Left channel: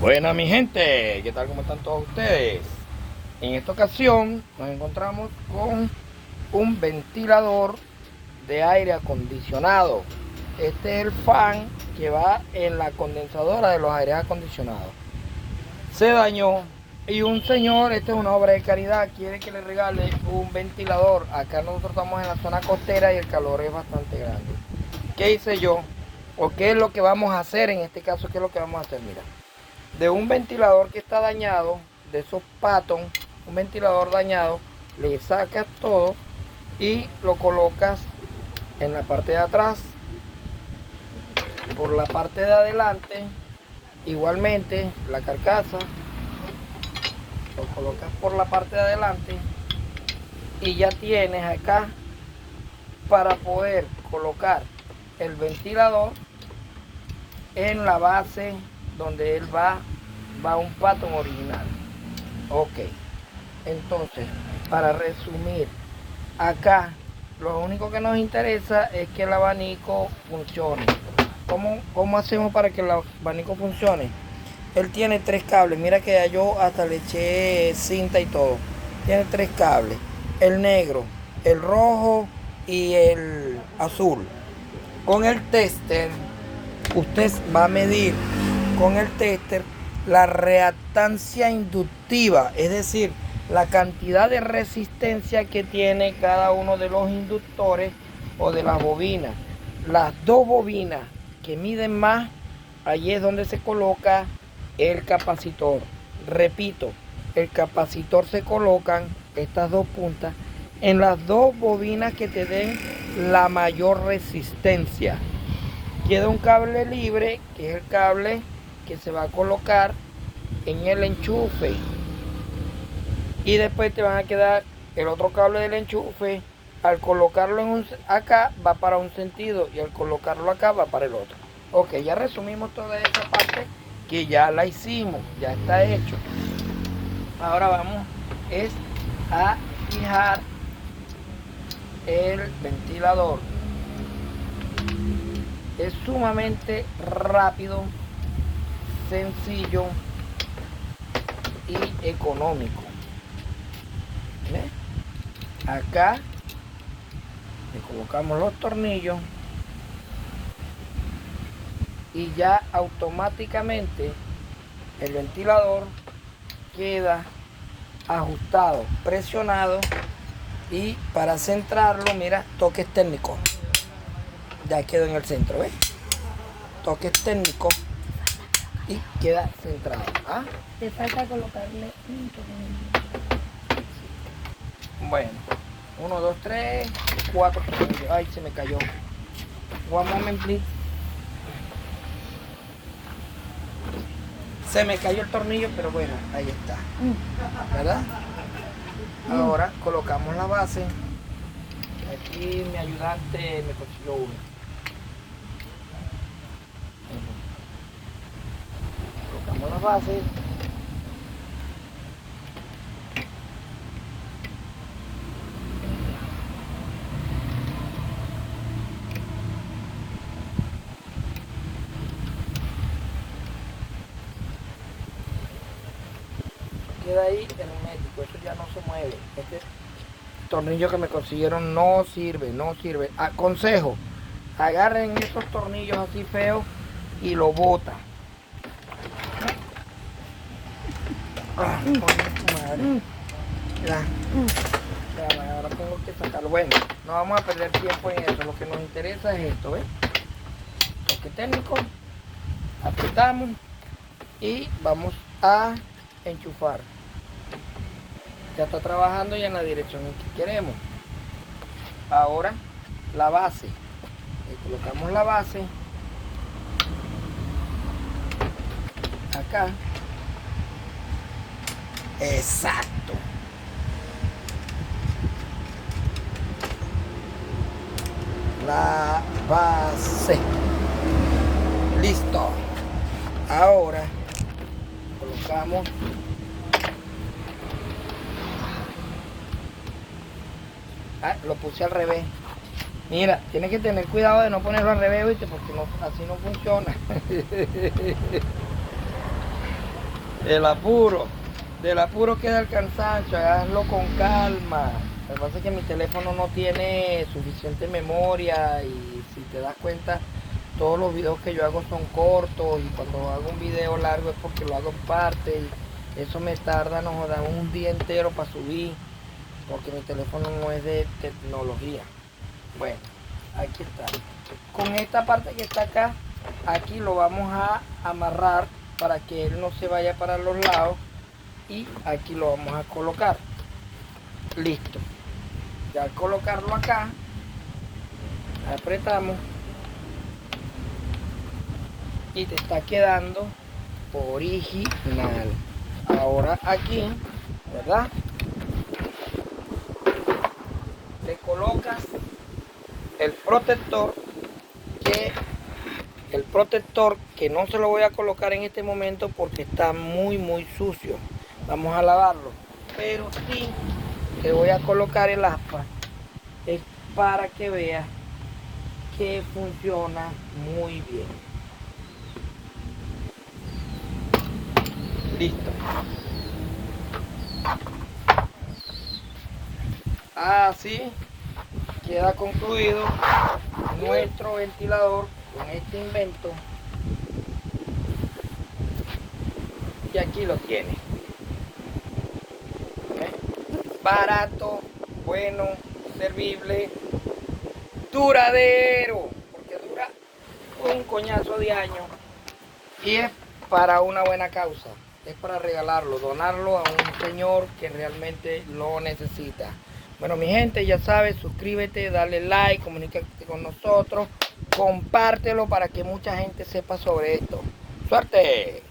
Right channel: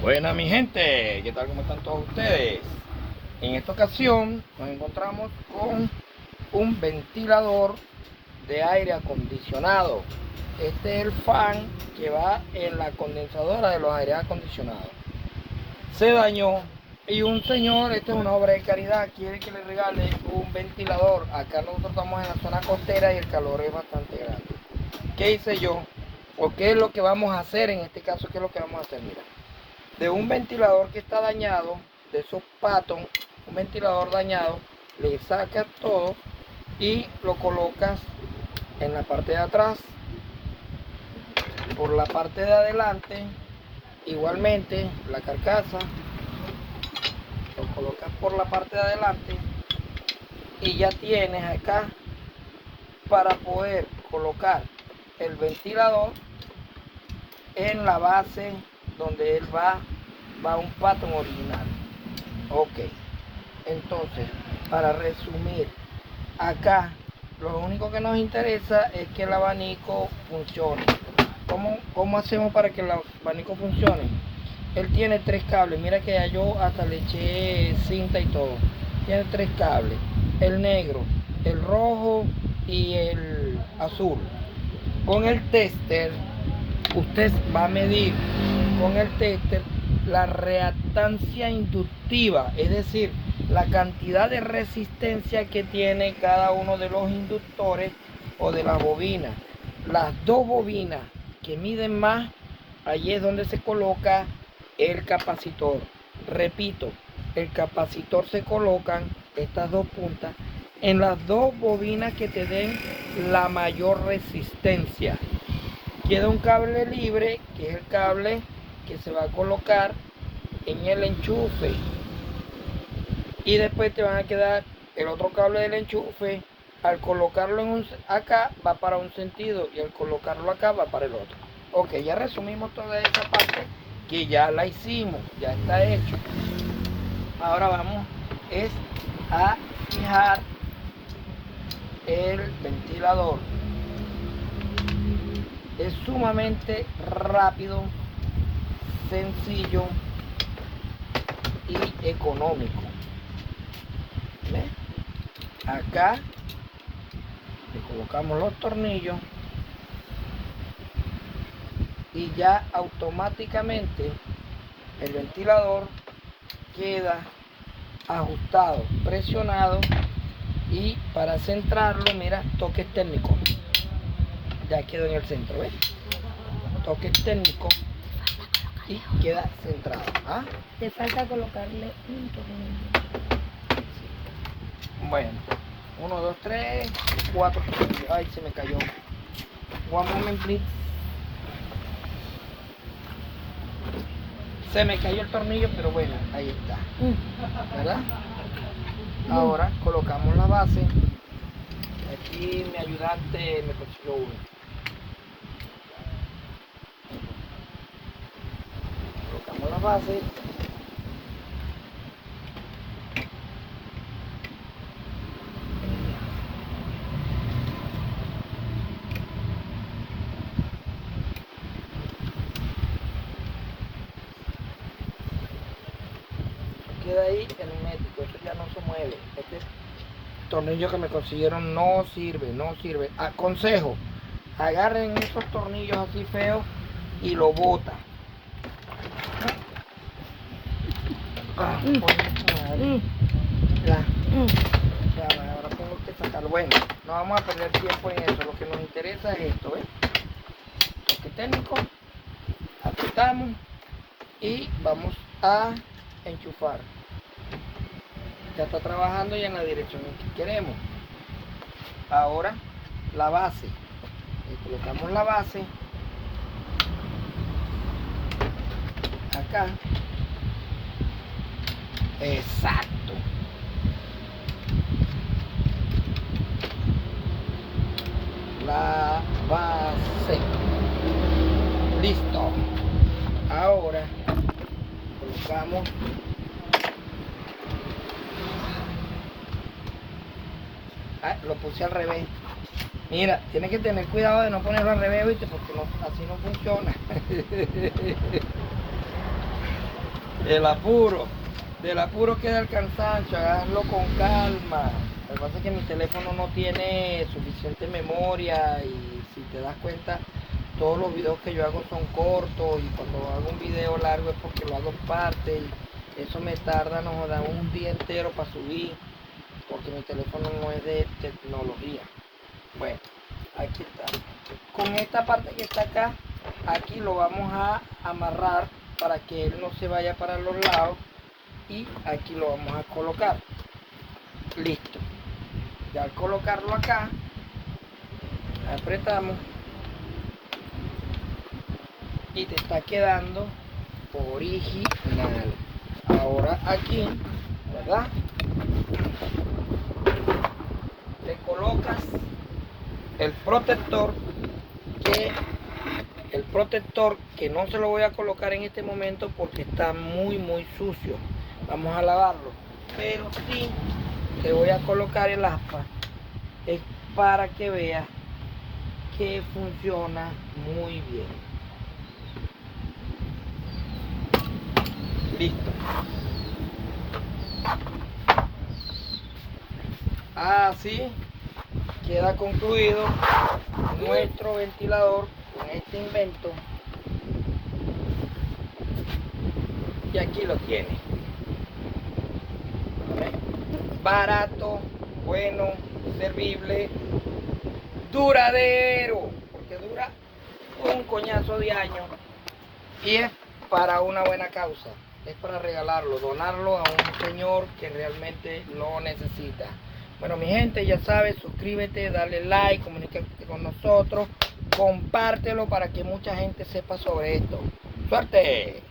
Buena mi gente, ¿qué tal? ¿Cómo están todos ustedes? En esta ocasión nos encontramos con un ventilador de aire acondicionado. Este es el fan que va en la condensadora de los aires acondicionados. Se dañó y un señor, esta es una obra de caridad, quiere que le regale un ventilador. Acá nosotros estamos en la zona costera y el calor es bastante grande. ¿Qué hice yo? ¿O qué es lo que vamos a hacer en este caso? ¿Qué es lo que vamos a hacer? Mira, de un ventilador que está dañado, de esos Patton, un ventilador dañado, le sacas todo y lo colocas en la parte de atrás. Por la parte de adelante, igualmente la carcasa, lo colocas por la parte de adelante y ya tienes acá para poder colocar el ventilador en la base donde él va un Patton original. Ok, entonces para resumir, acá lo único que nos interesa es que el abanico funcione. ¿Cómo hacemos para que el abanico funcione? Él tiene 3 cables, mira que ya yo hasta le eché cinta y todo. Tiene 3 cables, el negro, el rojo y el azul. Con el tester, usted va a medir con el tester la reactancia inductiva, es decir, la cantidad de resistencia que tiene cada uno de los inductores o de las bobinas. Las dos bobinas que miden más, allí es donde se coloca el capacitor. Repito, el capacitor se colocan estas dos puntas en las dos bobinas que te den la mayor resistencia. Queda un cable libre, que es el cable que se va a colocar en el enchufe. Y después te van a quedar el otro cable del enchufe. Al colocarlo acá va para un sentido y al colocarlo acá va para el otro. Ok, ya resumimos toda esa parte que ya la hicimos, ya está hecho. Ahora vamos a fijar el ventilador. Es sumamente rápido, sencillo y económico. ¿Ves? Acá le colocamos los tornillos y ya automáticamente el ventilador queda ajustado, presionado, y para centrarlo, mira, toques técnicos. Ya quedó en el centro, ¿ves? Toques técnicos y queda centrado. ¿Ah? Te falta colocarle un tornillo. Bueno, 1, 2, 3, 4 tornillos. Ay, se me cayó. One moment, please. Se me cayó el tornillo, pero bueno, ahí está. ¿Verdad? Ahora colocamos la base. Aquí mi ayudante me consiguió uno. Colocamos la base. Queda ahí hermético, esto ya no se mueve. Este tornillo que me consiguieron no sirve, no sirve. Aconsejo, agarren esos tornillos así feos y lo botan. Madre. Ya, ahora tengo que sacarlo. Bueno, no vamos a perder tiempo en eso. Lo que nos interesa es esto, ¿ves? Toque técnico, apretamos y vamos a enchufar. Ya está trabajando y en la dirección en que queremos. Ahora la base. Le colocamos la base acá. Exacto. La base. Listo. Ahora colocamos lo puse al revés. Mira, tienes que tener cuidado de no ponerlo al revés, ¿viste? Porque no, así no funciona. del apuro queda el cansancio, hazlo con calma. Lo que pasa es que mi teléfono no tiene suficiente memoria y si te das cuenta, todos los videos que yo hago son cortos y cuando hago un video largo es porque lo hago en parte y eso me tarda, no joda, un día entero para subir porque mi teléfono no es de tecnología. Bueno, aquí está. Con esta parte que está acá, aquí lo vamos a amarrar para que él no se vaya para los lados y aquí lo vamos a colocar. Listo. Ya al colocarlo acá, apretamos y te está quedando original. Ahora aquí, ¿verdad? Le colocas el protector que no se lo voy a colocar en este momento porque está muy sucio. Vamos a lavarlo, pero sí te voy a colocar el aspa, es para que veas que funciona muy bien. Listo. Así queda concluido nuestro ventilador con este invento. Y aquí lo tiene. Barato, bueno, servible, duradero, porque dura un coñazo de años y es para una buena causa. Es para regalarlo, donarlo a un señor que realmente lo necesita. Bueno, mi gente, ya sabes, suscríbete, dale like, comunícate con nosotros, compártelo para que mucha gente sepa sobre esto. ¡Suerte!